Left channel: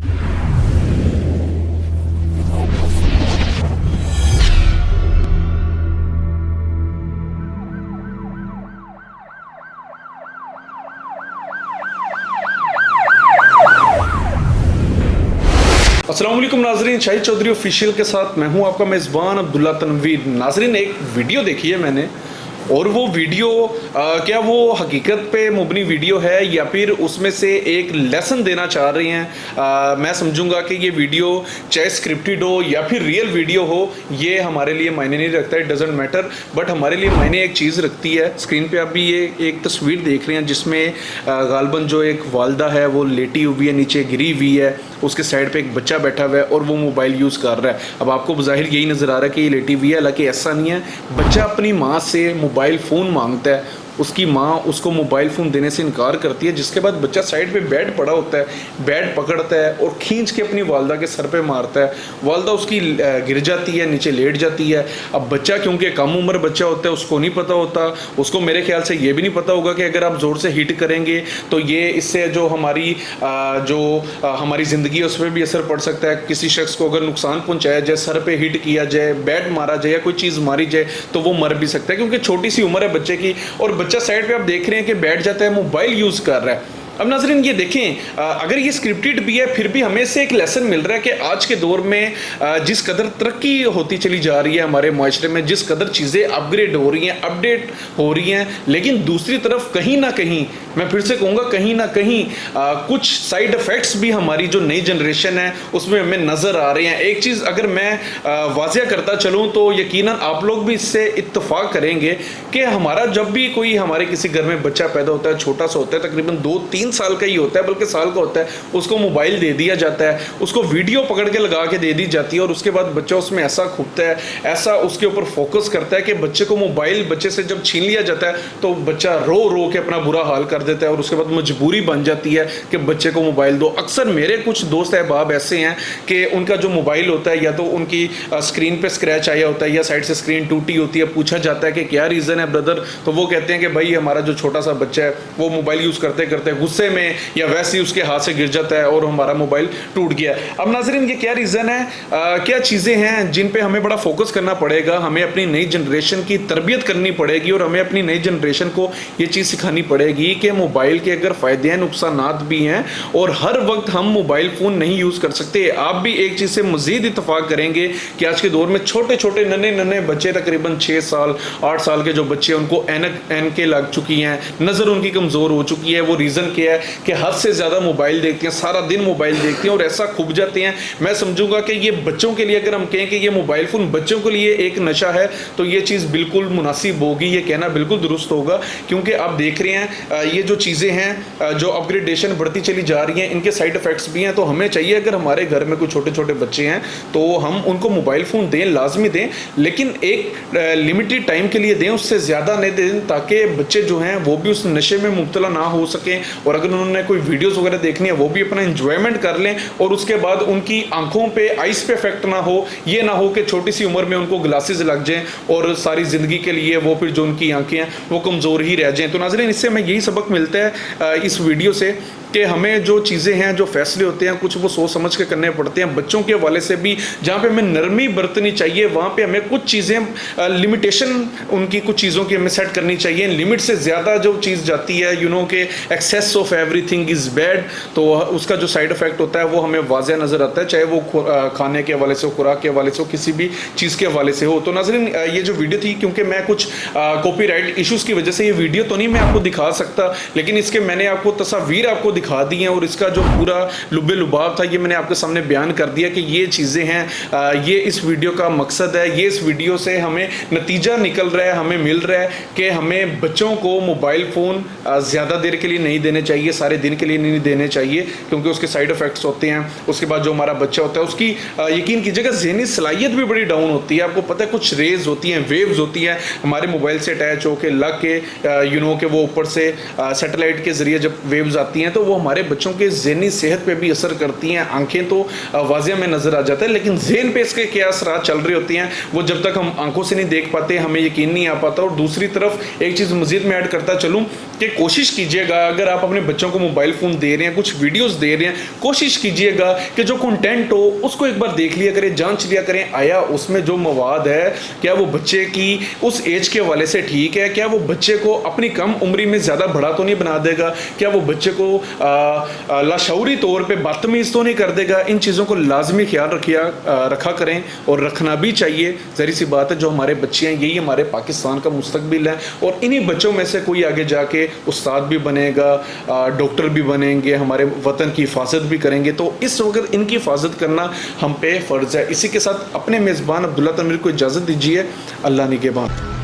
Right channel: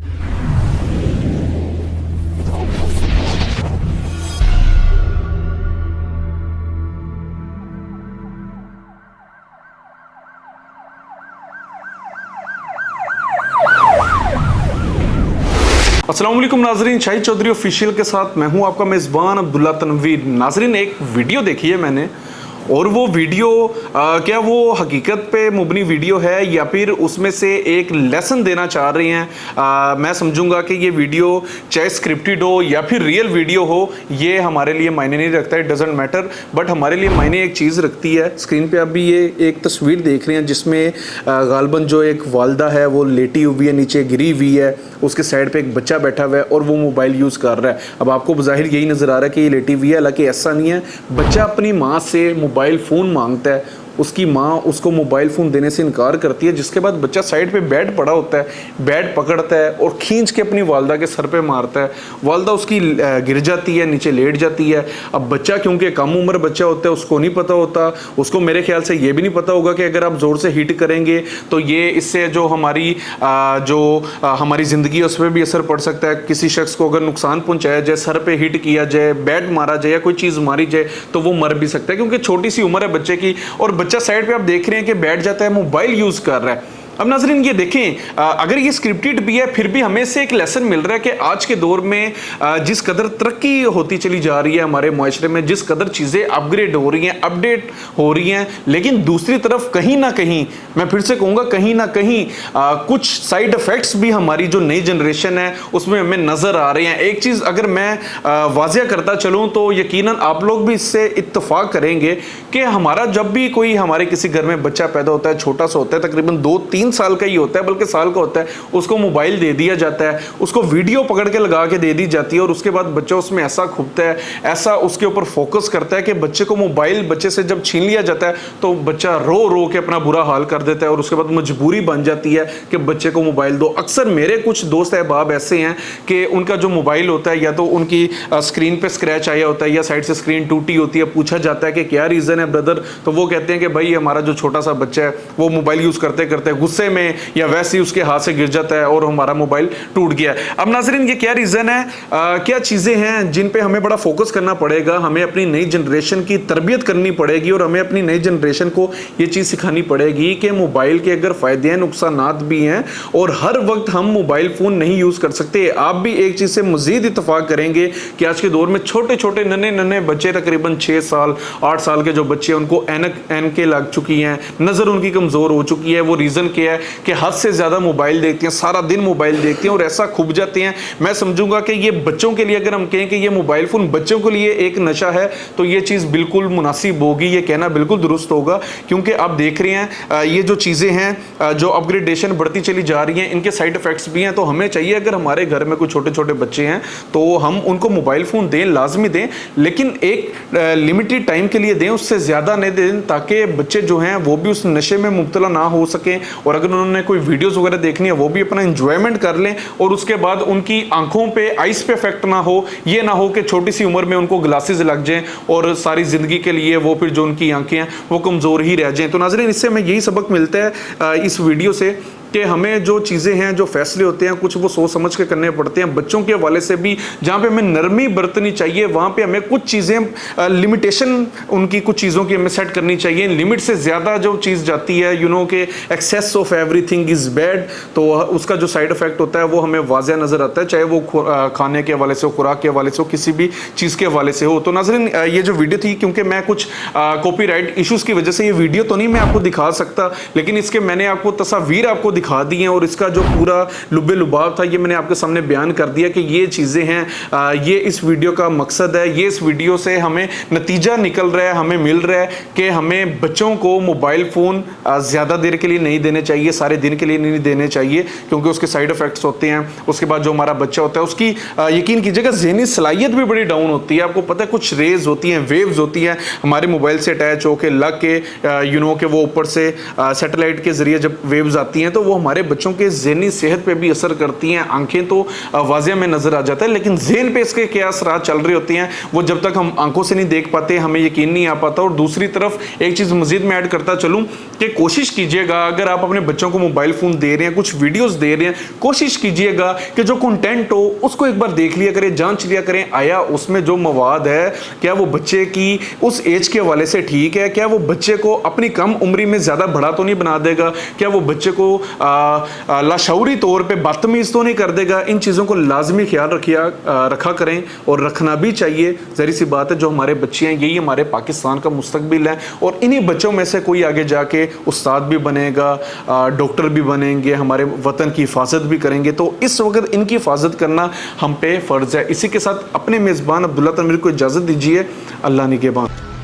अस्सलाम वालेकुम नाजरीन, शाहिद चौधरी ऑफिशियल के साथ मैं हूं आपका मेज़बान अब्दुल्ला तनवीर। नाजरीन, एक वीडियो देखी है मैंने और वो वीडियो क्या वो हकीकत पे मुबनी वीडियो है या फिर उसमें से एक लेसन देना चाह रहे हैं। मैं समझूंगा कि ये वीडियो चाहे स्क्रिप्टेड हो या फिर रियल वीडियो हो, ये हमारे लिए मायने नहीं रखता, इट डजेंट मैटर। बट हमारे लिए मायने एक चीज़ रखती है। स्क्रीन पे आप भी ये एक तस्वीर देख रहे हैं जिसमें गालबन जो एक वालदा है वो लेटी हुई है, नीचे गिरी हुई है, उसके साइड पे एक बच्चा बैठा हुआ है और वो मोबाइल यूज़ कर रहा है। अब आपको बज़ाहिर यही नज़र आ रहा है कि ये लेटी हुई है, हालांकि ऐसा नहीं है। बच्चा अपनी माँ से मोबाइल फ़ोन मांगता है, उसकी माँ उसको मोबाइल फ़ोन देने से इनकार करती है, जिसके बाद बच्चा साइड पे बेड पड़ा होता है, बेड पकड़ता है और खींच के अपनी वालदा के सर पे मारता है। वालदा उसकी गिर जाती है, नीचे लेट जाती है। अब बच्चा क्योंकि कम उम्र बच्चा होता है, उसको नहीं पता होता, उसको मेरे ख्याल से ये भी नहीं पता होगा कि अगर आप ज़ोर से हिट करेंगे तो ये इससे जो हमारी ज़िंदगी है उस पर भी असर पड़ सकता है। किसी शख्स को अगर नुकसान पहुंचाया जाए, सर पे हिट किया जाए, बेड मारा जाए या कोई चीज़ मारी जाए तो वो मर भी सकता है, क्योंकि छोटी सी उम्र है बच्चे की और बच्चा साइड पे आप देख रहे हैं कि बैठ जाता है, मोबाइल यूज कर रहा है। अब नाज़रीन ये देखें, अगर ये स्क्रिप्टेड भी है फिर भी हमें से एक लेसन मिल रहा है कि आज के दौर में जिस कदर तरक्की होती चली जा रही है हमारे माशरे में, जिस कदर चीज़ें अपग्रेड हो रही हैं, अपडेट हो रही हैं, लेकिन दूसरी तरफ कहीं ना कहीं, मैं फिर से कहूँगा कहीं ना कहीं कुछ साइड इफ़ेक्ट्स भी हमारी जो नई जनरेशन है उसमें हमें नज़र आ रहे हैं। एक चीज़ अगर मैं वाज़िया करता चलूँ तो यकीनन आप लोग भी इससे इत्तफाक करेंगे कि हमारा जब भी कोई हमारे किसी घर में बच्चा पैदा होता है, छोटा सा होता है, तकरीबन 2-3 साल का ही होता है, बल्कि साल का होता है, उसको मोबाइल दे दिया जाता है, उसको वीडियो पकड़ के लगा के दे दी जाती है और उसके बाद बच्चा उसमें ऐसा खूबता है, ऐसा उसके ऊपर फोकस करता है कि बच्चे को मोबाइल बच्चे से जब छीन लिया जाता है तो बच्चा रो रो के अपना बुरा हाल कर देता है और उसके बाद मजबूरी बन जाती है कि बच्चे को मोबाइल दो। अक्सर मेरे कुछ दोस्त अहबाब ऐसे हैं कि उनका जो मोबाइल होता है या तो उनकी स्क्रीन पे स्क्रैच आया होता है या साइड से स्क्रीन टूटी होती है, पूछा जाता है कि क्या रीज़न है ब्रदर, तो वो कहते हैं कि भाई हमारा जो छोटा सा बच्चा है वो मोबाइल यूज़ करते करते गुस्से में या वैसे ही उसके हाथ से गिर जाता है और हमारा मोबाइल टूट गया। अब नाज़रीन ये क्या रीज़न है, क्या चीज़ें हैं जिन पे हमें बड़ा फोकस करना पड़ेगा। हमें अपनी नई जनरेशन की तरबियत करनी पड़ेगी और हमें अपनी नई जनरेशन को ये चीज़ सिखानी पड़ेगी कि मोबाइल के अगर फ़ायदे हैं, नुकसानात भी हैं और हर वक्त हम मोबाइल फ़ोन नहीं यूज़ कर सकते। आप भी एक चीज़ से मज़ीद इत्तफाक करेंगे कि आज के दौर में छोटे छोटे नन्हे नन्हे बच्चे, तकरीबन 6 साल 8 साल के जो बच्चे, उनको ऐनकें लग चुकी हैं, नज़र उनकी कमज़ोर हो चुकी है। वो रीज़न क्या है कि हद से ज़्यादा मोबाइल देखते हैं, सारा दिन मोबाइल देखते हैं और ऐसा खूब जाते हैं। मैं समझूंगा कि ये बच्चों के लिए, अगर हम कहें कि ये मोबाइल फ़ोन बच्चों के लिए एक नशा है तो ये चीज़ बिल्कुल मुनासिब होगी, ये कहना बिल्कुल दुरुस्त होगा, क्योंकि आप देख रहे हैं ये जो चीज़ें हैं, जो अपग्रेडेशन बढ़ती चली जा रही हैं, इनके साइड इफ़ेक्ट्स भी हैं। तो हमें चाहिए अगर हमारे घर में कोई छोटे छोटे बच्चे हैं तो हम उनको मोबाइल फ़ोन दें, लाजमी दें, लेकिन एक लिमिटेड टाइम के लिए दें, उससे ज़्यादा नहीं दें, ताकि बच्चे जो हैं वो भी उस नशे में मुब्तला ना हो सकें और अगर उन्होंने कोई वीडियोस वगैरह देखनी है वो भी अपना एंजॉयमेंट कर लें और उसके बाद उनकी आंखों पे, आइस पे इफेक्ट ना हो। ये ना हो कि छोटी सी उम्र में उनको ग्लासेस लग जाएं और सारी ज़िंदगी के लिए वो फिर जो उनकी आंखें हैं वो कमज़ोर ही रह जाएं। तो नाज़रीन इससे हमें यही सबक मिलता है इस वीडियो से कि हमें जो चीज़ें हैं, जो फैसले होते हैं, कुछ वो सोच समझ के करने पड़ते हैं। बच्चों के हवाले से भी जहाँ पे हमें नरमी बरतनी चाहिए वहाँ पे हमें कुछ चीज़ें लिमिटेशन उनकी कुछ चीज़ों की हमें सेट करनी चाहिए। लिमिट से ज़्यादा जो चीज़ जाती है, कि excess of everything is bad, तो उसका जो साइड इफेक्ट होता है वो हमें वाज़ह नज़र आता है, चाहे वो खाने के हवाले से हो, खुराक के हवाले से हो, किसी भी चीज़ के हवाले से हो। तो नाज़रीन ये जो वीडियो थी, क्योंकि मैं कुछ कॉपीराइट इशूज़ की वजह से ये वीडियो तो नहीं मैं आपको दिखा सकता, लेकिन इसके मैंने आपको तस्वीर आपको दिखा दी है और इसका जो पूरा लुब्बे लुबाब था ये मैंने आपके सामने बयान कर दिया कि ये चीज़ें हैं, ये इस वीडियो का मकसद है। ये इस वीडियो से हमें नतीजा निकल रहा है, हमें मिल रहा है कि हमें बच्चों को मोबाइल फ़ोन ज़्यादा देर के लिए नहीं देने चाहिए, सारे दिन के लिए नहीं देने चाहिए, क्योंकि उसके साइड इफ़ेक्ट्स होते हैं। उसके बाद जो हमारा बच्चा होता है उसकी यकीन कीजिएगा ज़हनी सलाहियत भी बड़ी डाउन होती है। आपको पता है कुछ रेज होती हैं, वेव्स होती हैं हमारे मोबाइल से अटैच होकर लग के, कि वो ऊपर से सैटेलाइट के ज़रिए जब वेव्स आती हैं तो वो हमारे बच्चों के ज़हनी सेहत पे भी असर करती हैं। आंखें तो वाज़िया में नज़र आ जाता है, लेकिन ज़हन पे इसके क्या असरात चल रहे होते हैं वो जब तक हम आंखों से नहीं देख पाते हमें यकीन नहीं आ पाता। और दूसरी तरफ एक चीज़ मज़ीद में ऐड करता चलूँ कि कोशिश कीजिएगा, अगर आप अपने बच्चों को मोबाइल फ़ोन दे रहे हैं, कुछ वीडियोस दे रहे हैं, कोशिश कीजिएगा कि जो कंटेंट हो उसको एक बार देख लिया करें, जांच लिया करें, आया उसमें जो मवाद है क्या वो बच्चे की उस एज के हवाले से ठीक है, क्या वो बच्चे को अपनी कम उम्री में ज़्यादा बड़ा तो नहीं बना देगा, क्या वो बच्चे को लाशऊरी तौर पे बदतमीज़ तो नहीं कर देगा। इन चीज़ों को लाजमी ख्याल रखा करें और रखना भी चाहिए। ज़ाहिर सी बात है, जो हमारे बच्चे हैं यही हमारे पाकिस्तान का मुस्तकबिल है और इन्हीं बच्चों में से कोई आगे जाके उस्ताद भी बनेगा, डॉक्टर भी बनेंगे, हमारे वतन की हिफाजत भी करेंगे। तो इस वक्त इनकी हिफाजत करना हम पे फ़र्ज़ है। इसी के साथ अपने मेज़बान अब्दुल्ला तनवीर को इजाज़त दीजिए। अल्लाह निगहबान।